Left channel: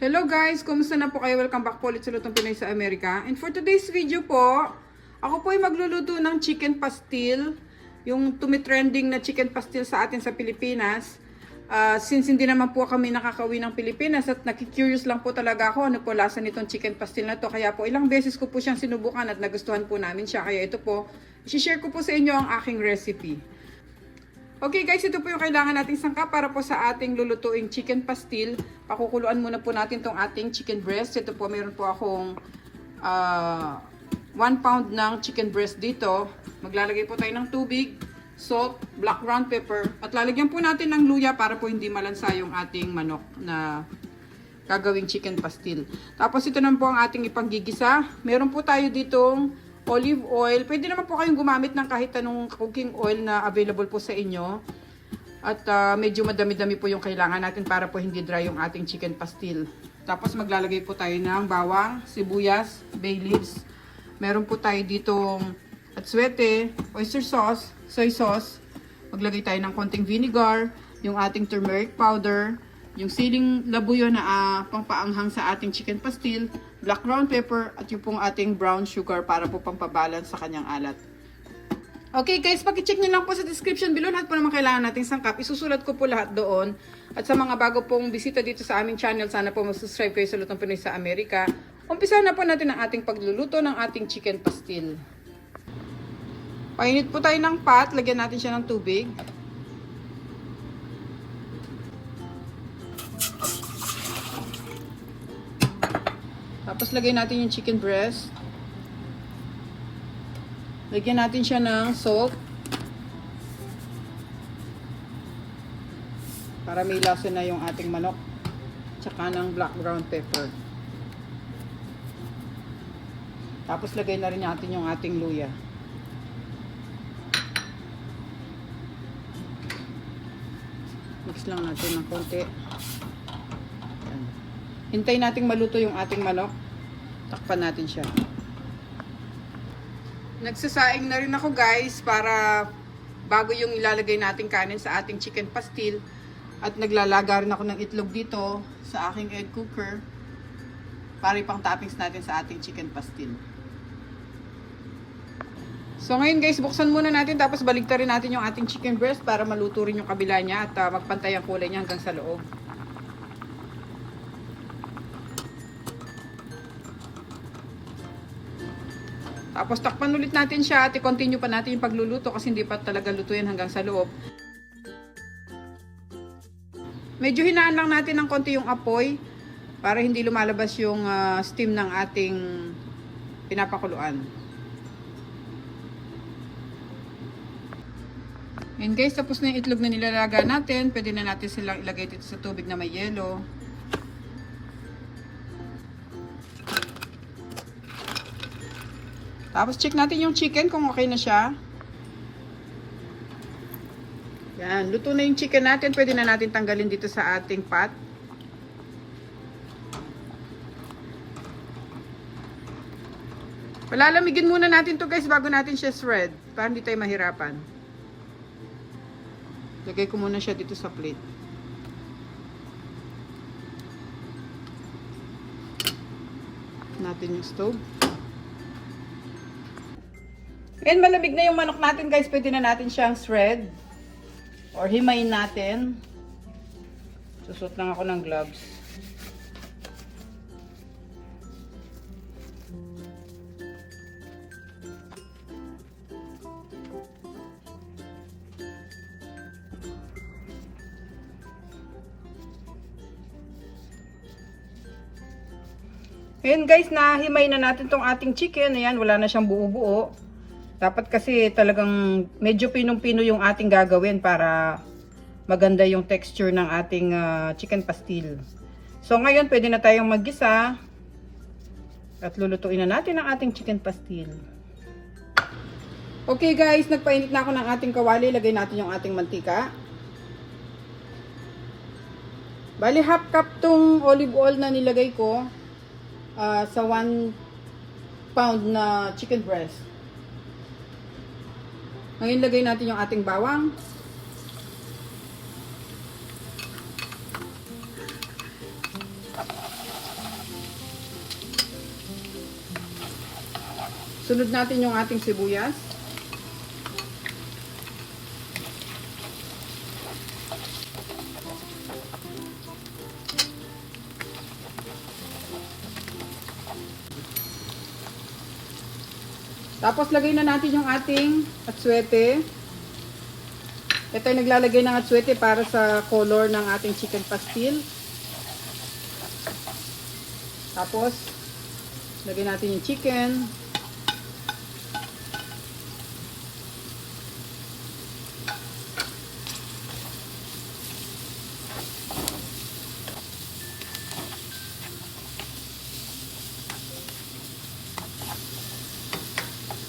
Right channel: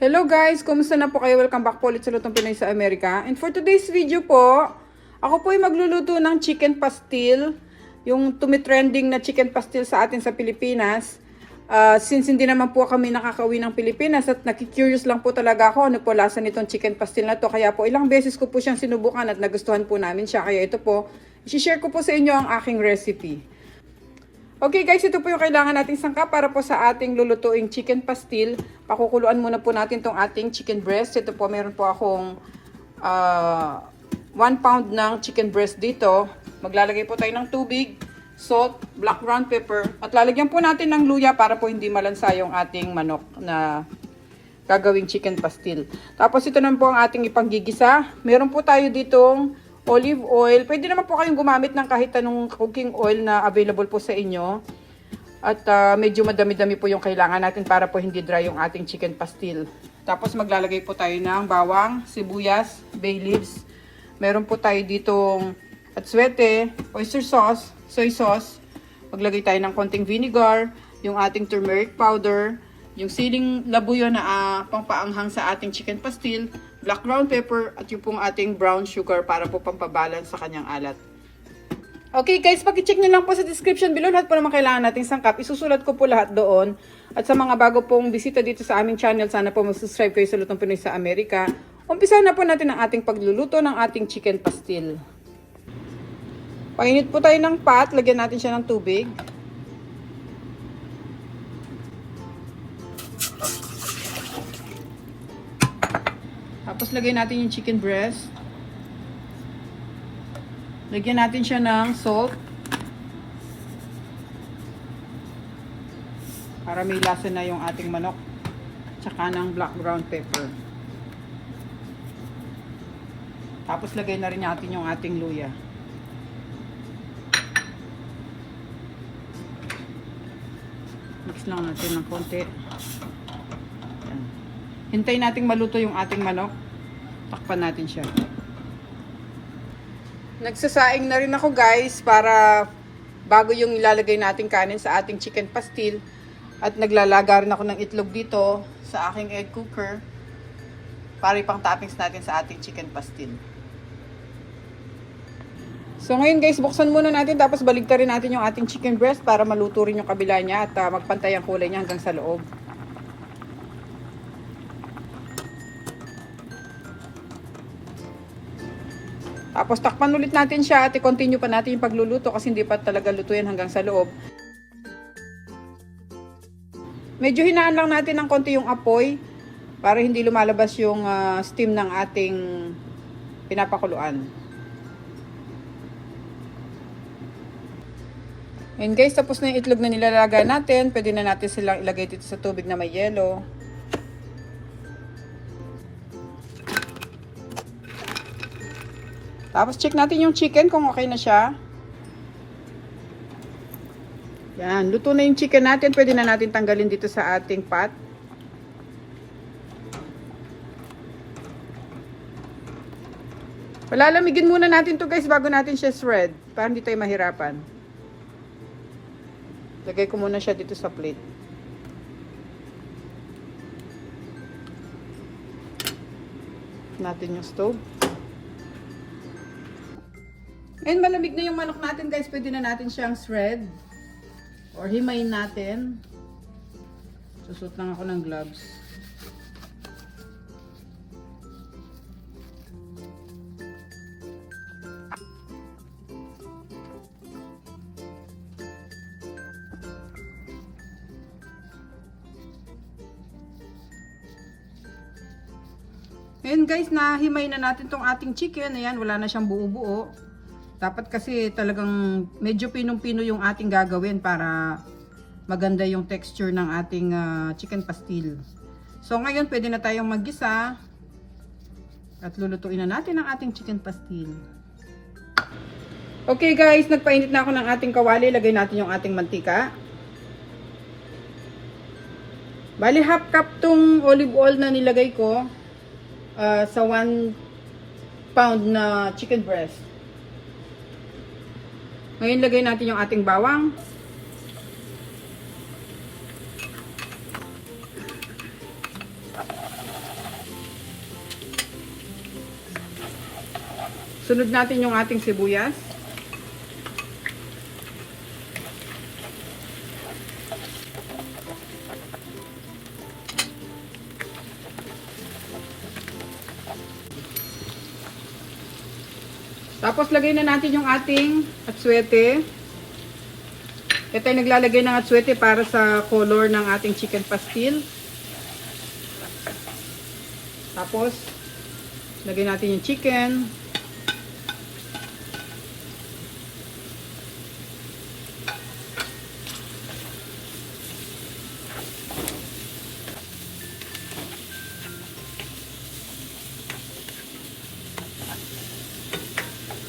Hello guys! Kumusta na po kayo? Welcome back po ulit sa Lutong Pinoy sa Amerika. And for today's video po, ako po ay magluluto ng chicken pastil. Yung tumitrending na chicken pastil sa atin sa Pilipinas. Since hindi naman po kami nakakauwi ng Pilipinas at nakikurious lang po talaga ako ano po lasa nitong chicken pastil na to. Kaya po ilang beses ko po siyang sinubukan at nagustuhan po namin siya. Kaya ito po, i-share ko po sa inyo ang aking recipe. Okay guys, ito po yung kailangan nating sangkap para po sa ating lulutuing chicken pastil. Pakukuluan muna po natin tong ating chicken breast. Ito po, meron po akong 1 pound ng chicken breast dito. Maglalagay po tayo ng tubig, salt, black ground pepper. At lalagyan po natin ng luya para po hindi malansa yung ating manok na gagawing chicken pastil. Tapos ito naman po ang ating ipanggigisa. Meron po tayo ditong olive oil. Pwede naman po kayong gumamit ng kahit anong cooking oil na available po sa inyo. At medyo madami-dami po yung kailangan natin para po hindi dry yung ating chicken pastil. Tapos maglalagay po tayo ng bawang, sibuyas, bay leaves. Meron po tayo ditong atsuete, oyster sauce, soy sauce. Maglagay tayo ng konting vinegar, yung ating turmeric powder, yung siling labuyo na pangpaanghang sa ating chicken pastil, black ground pepper, at yung pong ating brown sugar para po pampabalance sa kanyang alat. Okay guys, pakicheck nyo lang po sa description below lahat po naman kailangan nating sangkap. Isusulat ko po lahat doon. At sa mga bago pong bisita dito sa aming channel, sana po mag-subscribe kayo sa Lutong Pinoy sa Amerika. Umpisa na po natin ang ating pagluluto ng ating chicken pastil. Painit po tayo ng pot, lagyan natin siya ng tubig. Tapos lagay natin yung chicken breast. Lagyan natin siya ng salt. Para may lasa na yung ating manok. Tsaka ng black ground pepper. Tapos lagay na rin natin yung ating luya. Mix lang natin ng konti. Hintayin nating maluto yung ating manok. Takpan natin siya. Nagsasaing na rin ako guys para bago yung ilalagay nating kanin sa ating chicken pastil. At naglalaga rin ako ng itlog dito sa aking egg cooker para ipang toppings natin sa ating chicken pastil. So ngayon guys, buksan muna natin tapos baligtarin natin yung ating chicken breast para maluto rin yung kabila niya at magpantay ang kulay niya hanggang sa loob. Tapos takpan ulit natin siya at i-continue pa natin yung pagluluto kasi hindi pa talaga luto yan hanggang sa loob. Medyo hinaan lang natin ng konti yung apoy para hindi lumalabas yung steam ng ating pinapakuluan. And guys, tapos na yung itlog na nilalagay natin. Pwede na natin silang ilagay dito sa tubig na may yelo. Tapos check natin yung chicken kung okay na siya. Yan, luto na yung chicken natin. Pwede na natin tanggalin dito sa ating pot. Palalamigin muna natin to guys bago natin siya shred. Para hindi tayo mahirapan. Lagay ko muna siya dito sa plate. Natin yung stove. Ngayon malamig na yung manok natin guys, pwede na natin siyang shred or himayin natin. Susot lang ako ng gloves. Ngayon guys, nahimay na natin tong ating chicken. Ayan, wala na siyang buo-buo. Dapat kasi talagang medyo pinong-pino yung ating gagawin para maganda yung texture ng ating chicken pastil. So ngayon pwede na tayong maggisa at lulutuin na natin ang ating chicken pastil. Okay guys, nagpainit na ako ng ating kawali. Lagay natin yung ating mantika. Bali half cup tong olive oil na nilagay ko sa 1 pound na chicken breast. Ngayon lagay natin yung ating bawang. Sunod natin yung ating sibuyas. Tapos lagay na natin yung ating atsuete. Ito ay naglalagay ng atsuete para sa color ng ating chicken pastil. Tapos lagay natin yung chicken.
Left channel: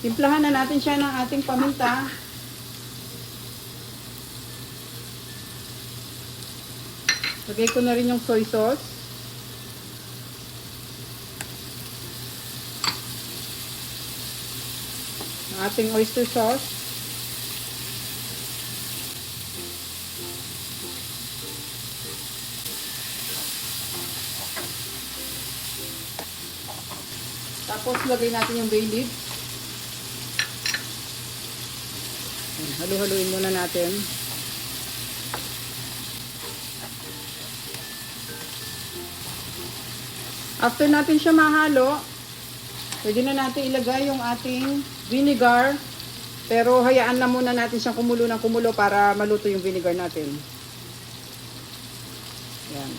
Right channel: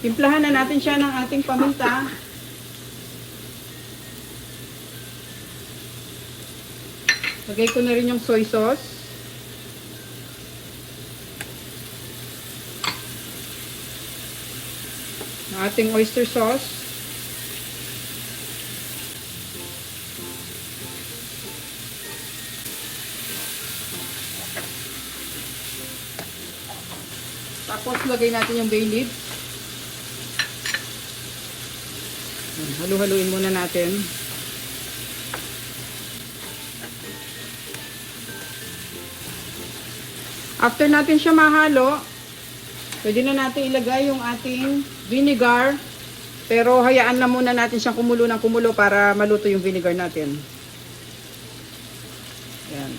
Timplahan na natin siya ng ating paminta. Lagay ko na rin yung soy sauce. Ang ating oyster sauce. Tapos lagay natin yung bay leaves. Halu-haluin muna natin. After natin siya mahalo, pwede na natin ilagay yung ating vinegar. Pero hayaan lang muna natin siyang kumulo ng kumulo para maluto yung vinegar natin. Yan.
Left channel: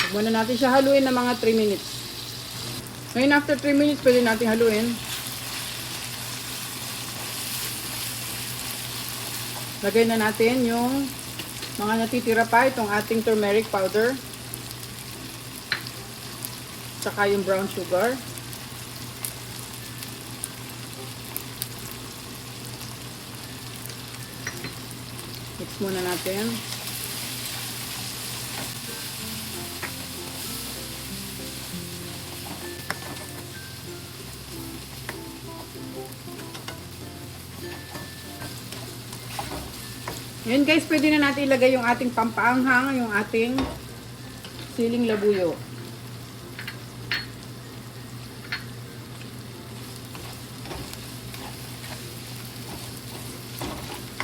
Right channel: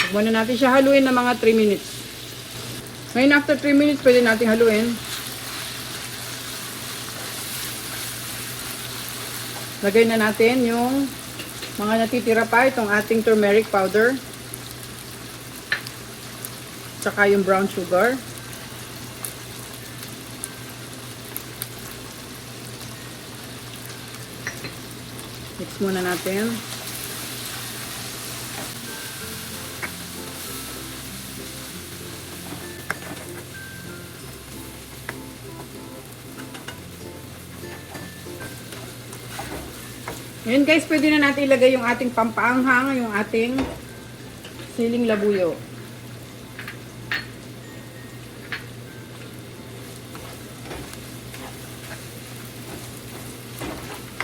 Huwag muna natin siya haluin ng mga 3 minutes. Ngayon after 3 minutes, pwede natin haluin. Lagay na natin yung mga natitira pa, itong ating turmeric powder. Tsaka yung brown sugar. Mix muna natin. Ngayon guys, pwede na natin ilagay yung ating pampaanghang, yung ating siling labuyo.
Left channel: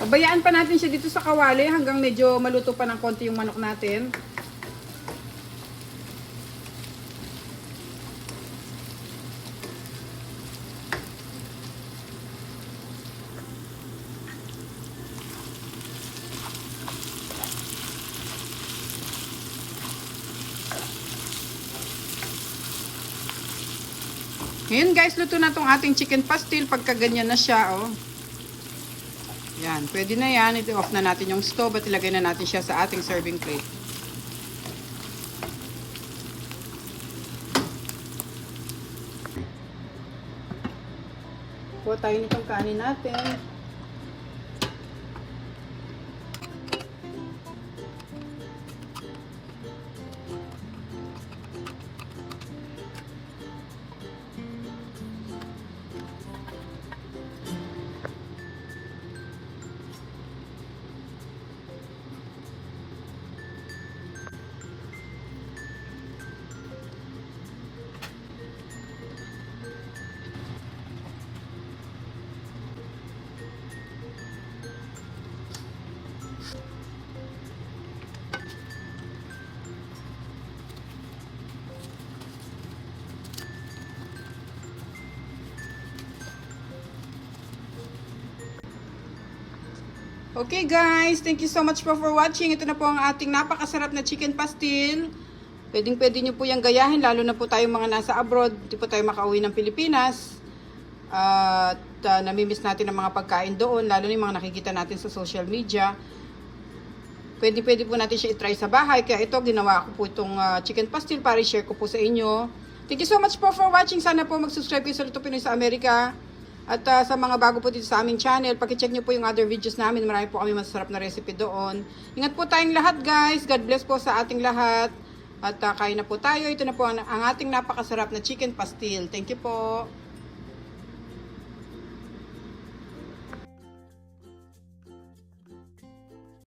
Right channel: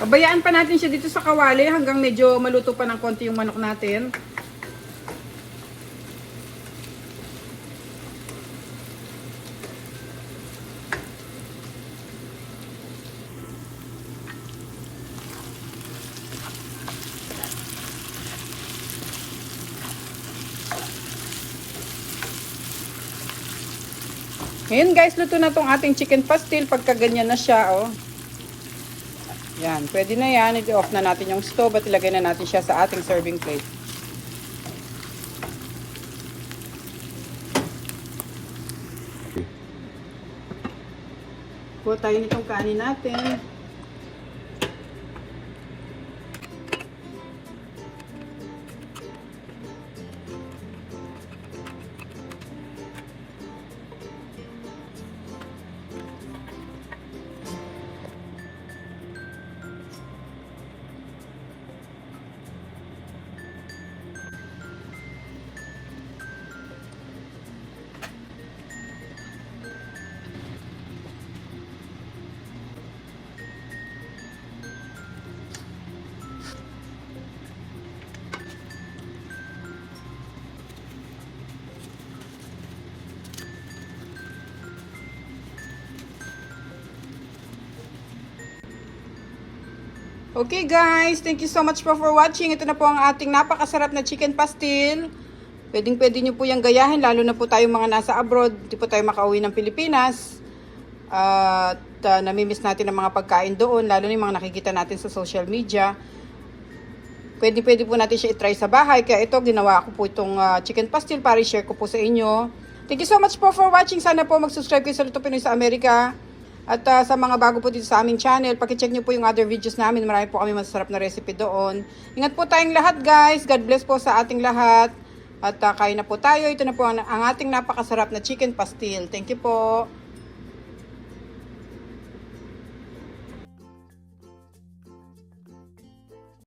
Pabayaan pa natin siya dito sa kawali hanggang medyo maluto pa ng konti yung manok natin. Ngayon guys, luto na tong ating chicken pastil pagka ganyan na siya, oh. Yan, pwede na yan. I-off na natin yung stove at ilagay na natin siya sa ating serving plate. Kuha tayo nitong kanin natin. Okay guys, thank you so much for watching. Ito na po ang ating napakasarap na chicken pastil. Pwede nyo po yung gayahin, lalo na po tayong mga nasa abroad. Hindi po tayo makauwi ng Pilipinas. At namimiss natin ang mga pagkain doon, lalo na yung mga nakikita natin sa social media. Pwede po natin siya i-try sa bahay. Kaya ito, ginawa ko po itong chicken pastil para i-share ko po sa inyo. Thank you so much po for watching. Sana po mag-subscribe kayo sa Luto Pinoy sa Amerika. At sa mga bago po dito sa aming channel, pakicheck nyo po yung other videos namin. Marami po kami masarap na recipe doon. Ingat po tayong lahat guys. God bless po sa ating lahat. At kain na po tayo. Ito na po ang ating napakasarap na chicken pastil. Thank you po.